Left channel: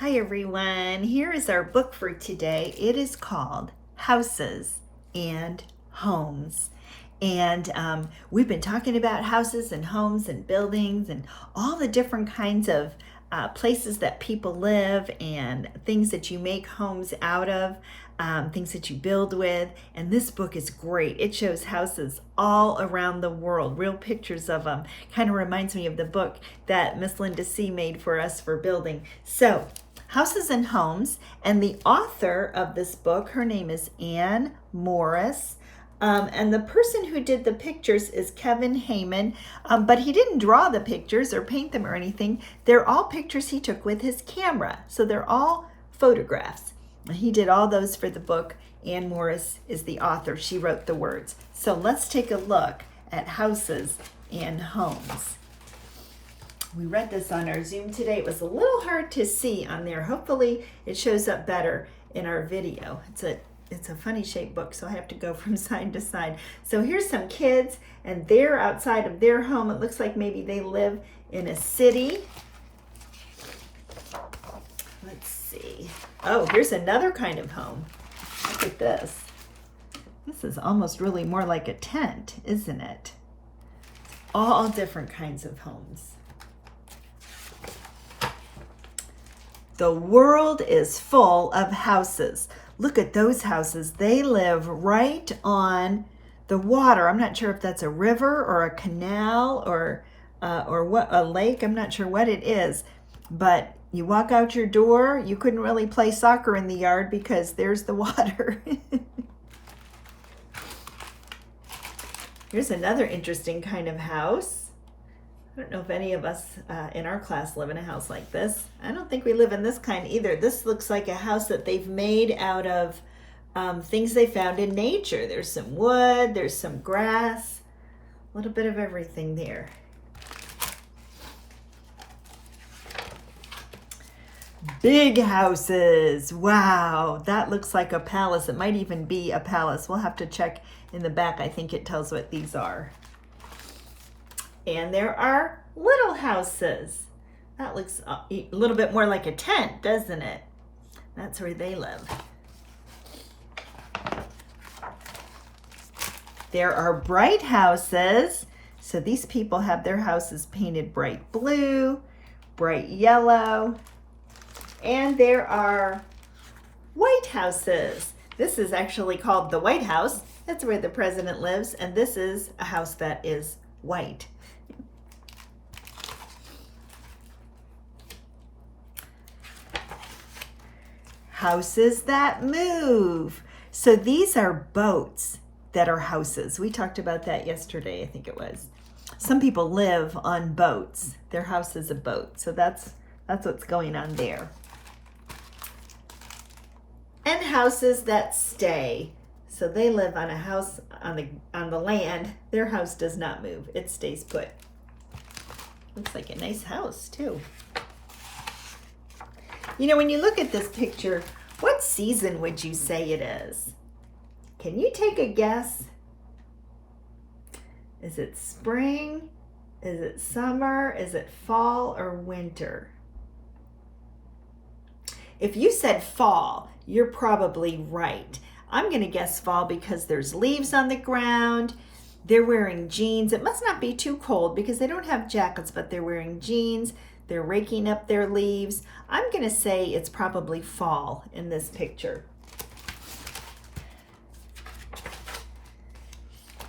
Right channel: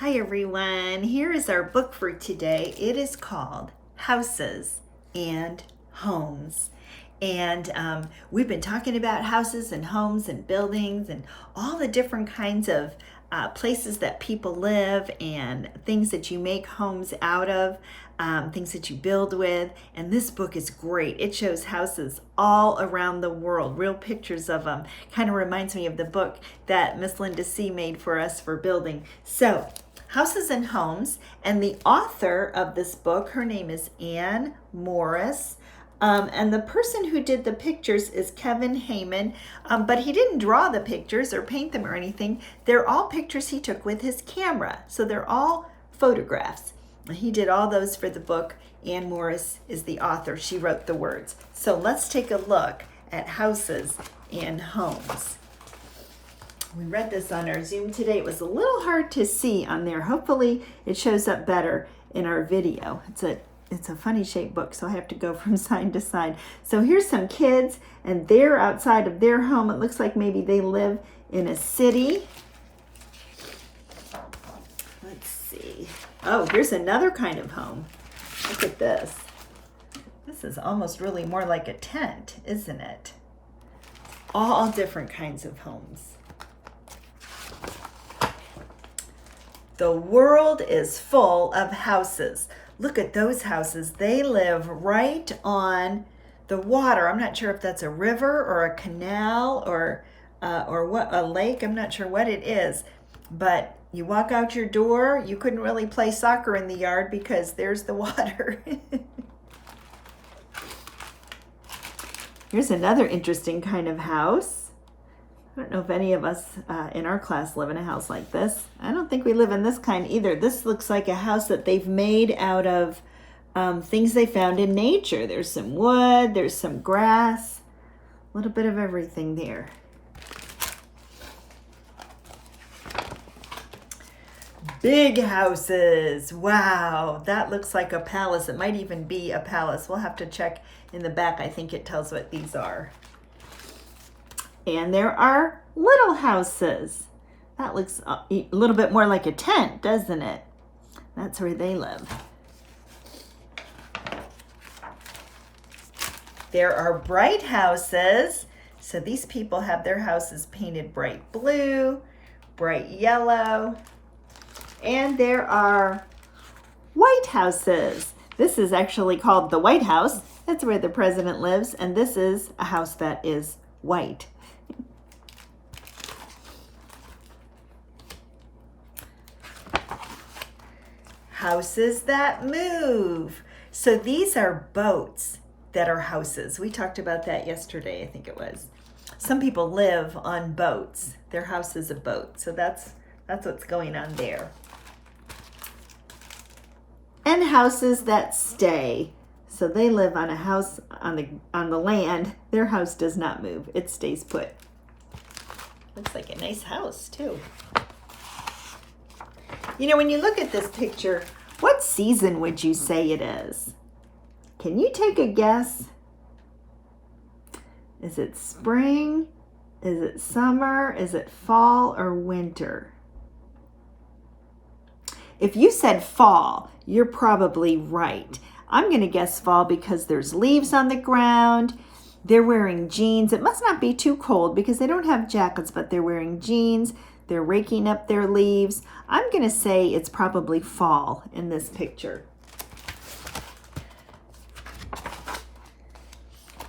Hi everyone, here is our book for today. It is called Houses and Homes. And we've been talking about houses and homes and buildings and all the different kinds of places that people live and things that you make homes out of, things that you build with. And this book is great. It shows houses all around the world, real pictures of them. Kind of reminds me of the book that Miss Linda C. made for us for building. So, Houses and Homes, and the author of this book, her name is Anne Morris. And the person who did the pictures is Kevin Hayman, but he didn't draw the pictures or paint them or anything. They're all pictures he took with his camera, so they're all photographs. He did all those for the book. Anne Morris is the author. She wrote the words. So let's take a look at Houses and Homes. We read this on our Zoom today. It was a little hard to see on there. Hopefully it shows up better in our video. It's a funny shaped book, so I have to go from side to side. So here's some kids, and they're outside of their home. It looks like maybe they live in a city. Let's see. Oh, here's another kind of home. Look at this. This is almost really more like a tent, isn't it? All different kinds of homes. The world is full of houses. Look at those houses. They live right on the water. I'm not sure if that's a river or a canal or what, a lake. I'm not sure what it is. But you walk out your door, you couldn't really play soccer in the yard because there's the water. Here's another interesting kind of house. I don't know if any of us in our class live in a house like this. I don't think we live in this kind either. This looks like a house that they've made out of things they found in nature. There's some wood, there's some grass, a little bit of everything there. Big houses. Wow, that looks like a palace. It might even be a palace. We'll have to check in the back. I think it tells what these are. And there are little houses. That looks a little bit more like a tent, doesn't it? That's where they live. There are bright houses. So these people have their houses painted bright blue, bright yellow. And there are white houses. This is actually called the White House. That's where the president lives. And this is a house that is white. Houses that move. So these are boats that are houses. We talked about that yesterday, I think it was. Some people live on boats. Their house is a boat. So that's what's going on there. And houses that stay. So they live on a house on the land. Their house does not move. It stays put. Looks like a nice house too. You know, when you look at this picture, what season would you say it is? Can you take a guess? Is it spring? Is it summer? Is it fall or winter? If you said fall, you're probably right. I'm going to guess fall because there's leaves on the ground. They're wearing jeans. It must not be too cold because they don't have jackets, but they're wearing jeans. They're raking up their leaves. I'm going to say it's probably fall in this picture.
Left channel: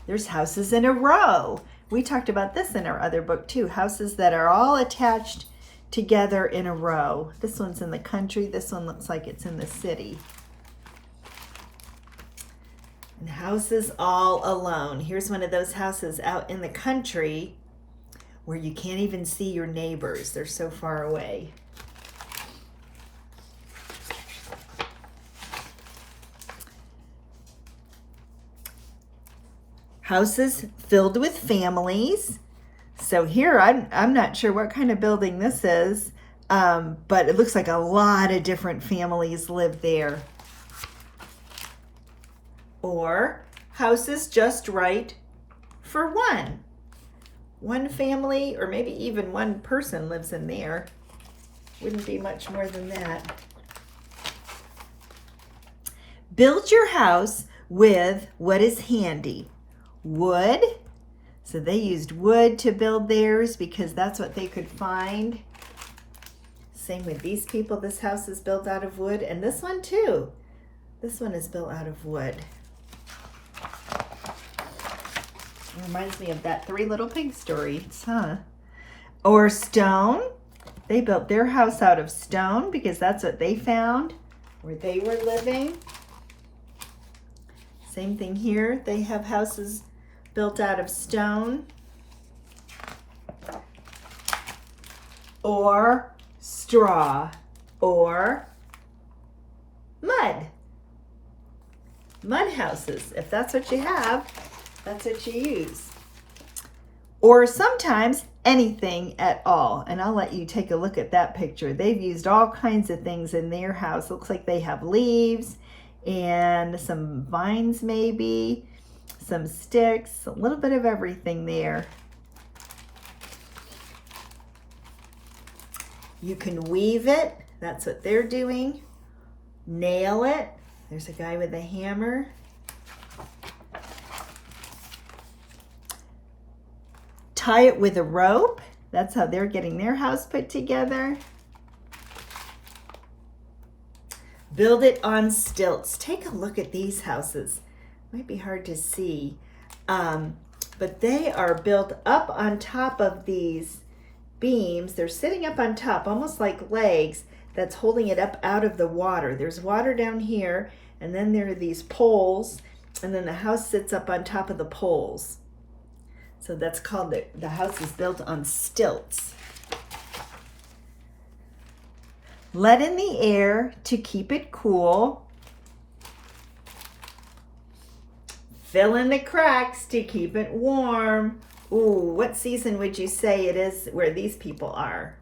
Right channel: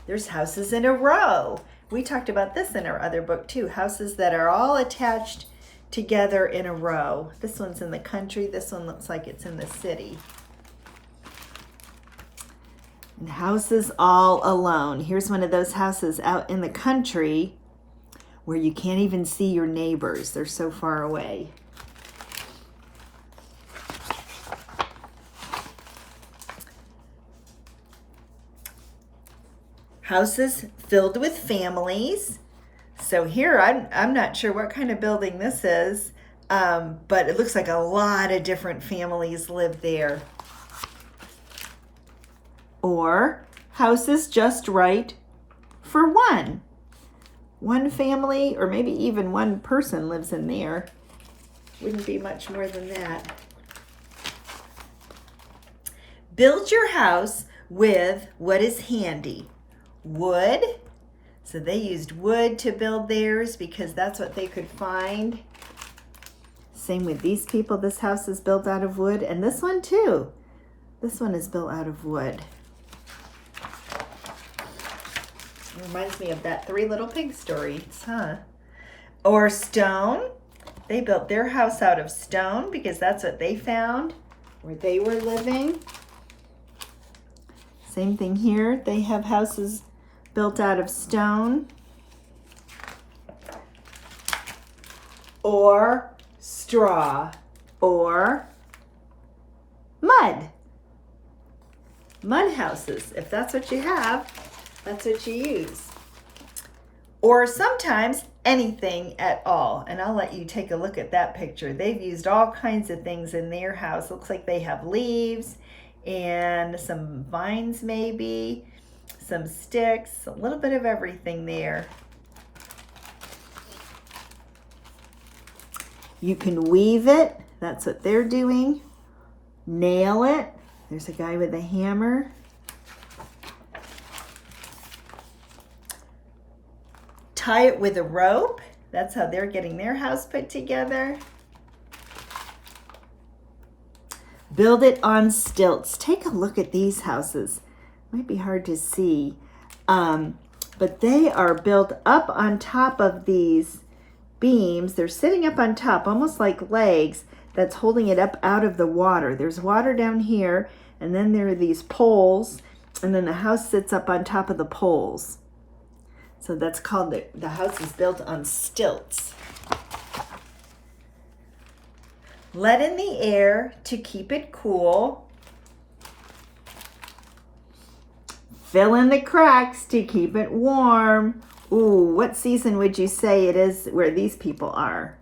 There's houses in a row. We talked about this in our other book too. Houses that are all attached together in a row. This one's in the country. This one looks like it's in the city. And houses all alone. Here's one of those houses out in the country where you can't even see your neighbors. They're so far away. Houses filled with families. So here, I'm not sure what kind of building this is, but it looks like a lot of different families live there. Or houses just right for one family, or maybe even one person lives in there. Wouldn't be much more than that. Build your house with what is handy. Wood. So they used wood to build theirs because that's what they could find. Same with these people. This house is built out of wood, and this one too. This one is built out of wood. It reminds me of that Three Little Pigs story, huh? Or stone. They built their house out of stone because that's what they found where they were living. Same thing here. They have houses built out of stone. Or straw. Or mud. Mud houses. If that's what you have, that's what you use. Or sometimes anything at all. And I'll let you take a look at that picture. They've used all kinds of things in their house. Looks like they have leaves and some vines maybe, some sticks, a little bit of everything there. You can weave it. That's what they're doing. Nail it. There's a guy with a hammer. Tie it with a rope. That's how they're getting their house put together. Build it on stilts. Take a look at these houses. Might be hard to see, but they are built up on top of these beams. They're sitting up on top, almost like legs, that's holding it up out of the water. There's water down here, and then there are these poles, and then the house sits up on top of the poles. So that's called, the house is built on stilts. Let in the air to keep it cool. Fill in the cracks to keep it warm. Ooh, what season would you say it is where these people are?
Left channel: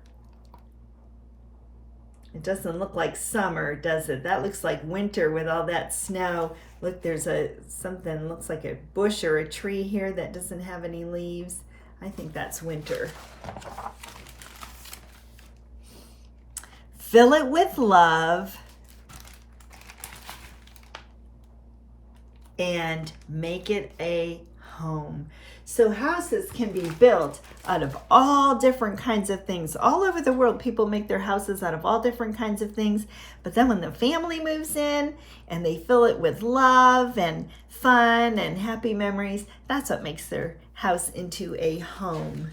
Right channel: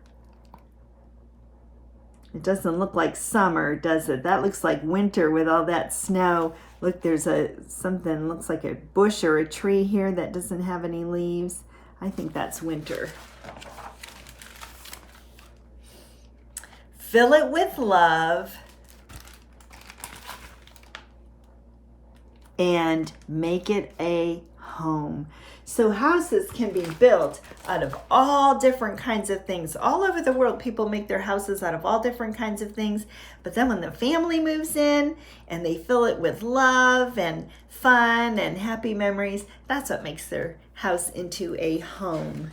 It doesn't look like summer, does it? That looks like winter with all that snow. Look, there's something looks like a bush or a tree here that doesn't have any leaves. I think that's winter. Fill it with love and make it a home. So houses can be built out of all different kinds of things. All over the world, people make their houses out of all different kinds of things. But then when the family moves in and they fill it with love and fun and happy memories, that's what makes their house into a home.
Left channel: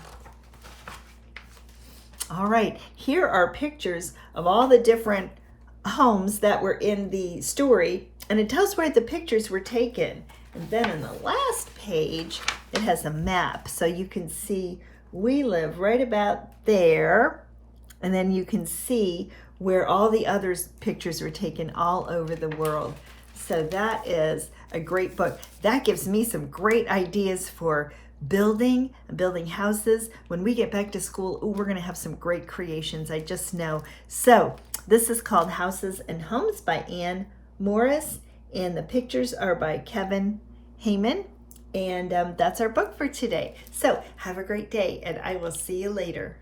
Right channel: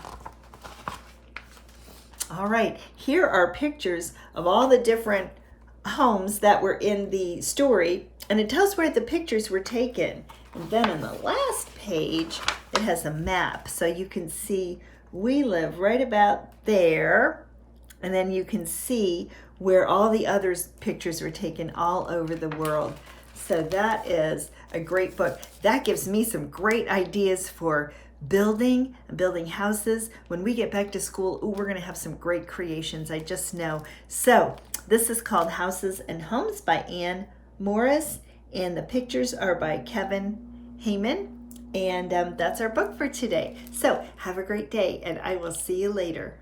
All right, here are pictures of all the different homes that were in the story, and it tells where the pictures were taken. And then on the last page, it has a map, so you can see we live right about there, and then you can see where all the other pictures were taken all over the world. So that is a great book. That gives me some great ideas for building houses. When we get back to school, ooh, we're gonna have some great creations, I just know. So this is called Houses and Homes by Anne Morris, and the pictures are by Kevin Heyman, and that's our book for today. So have a great day, and I will see you later.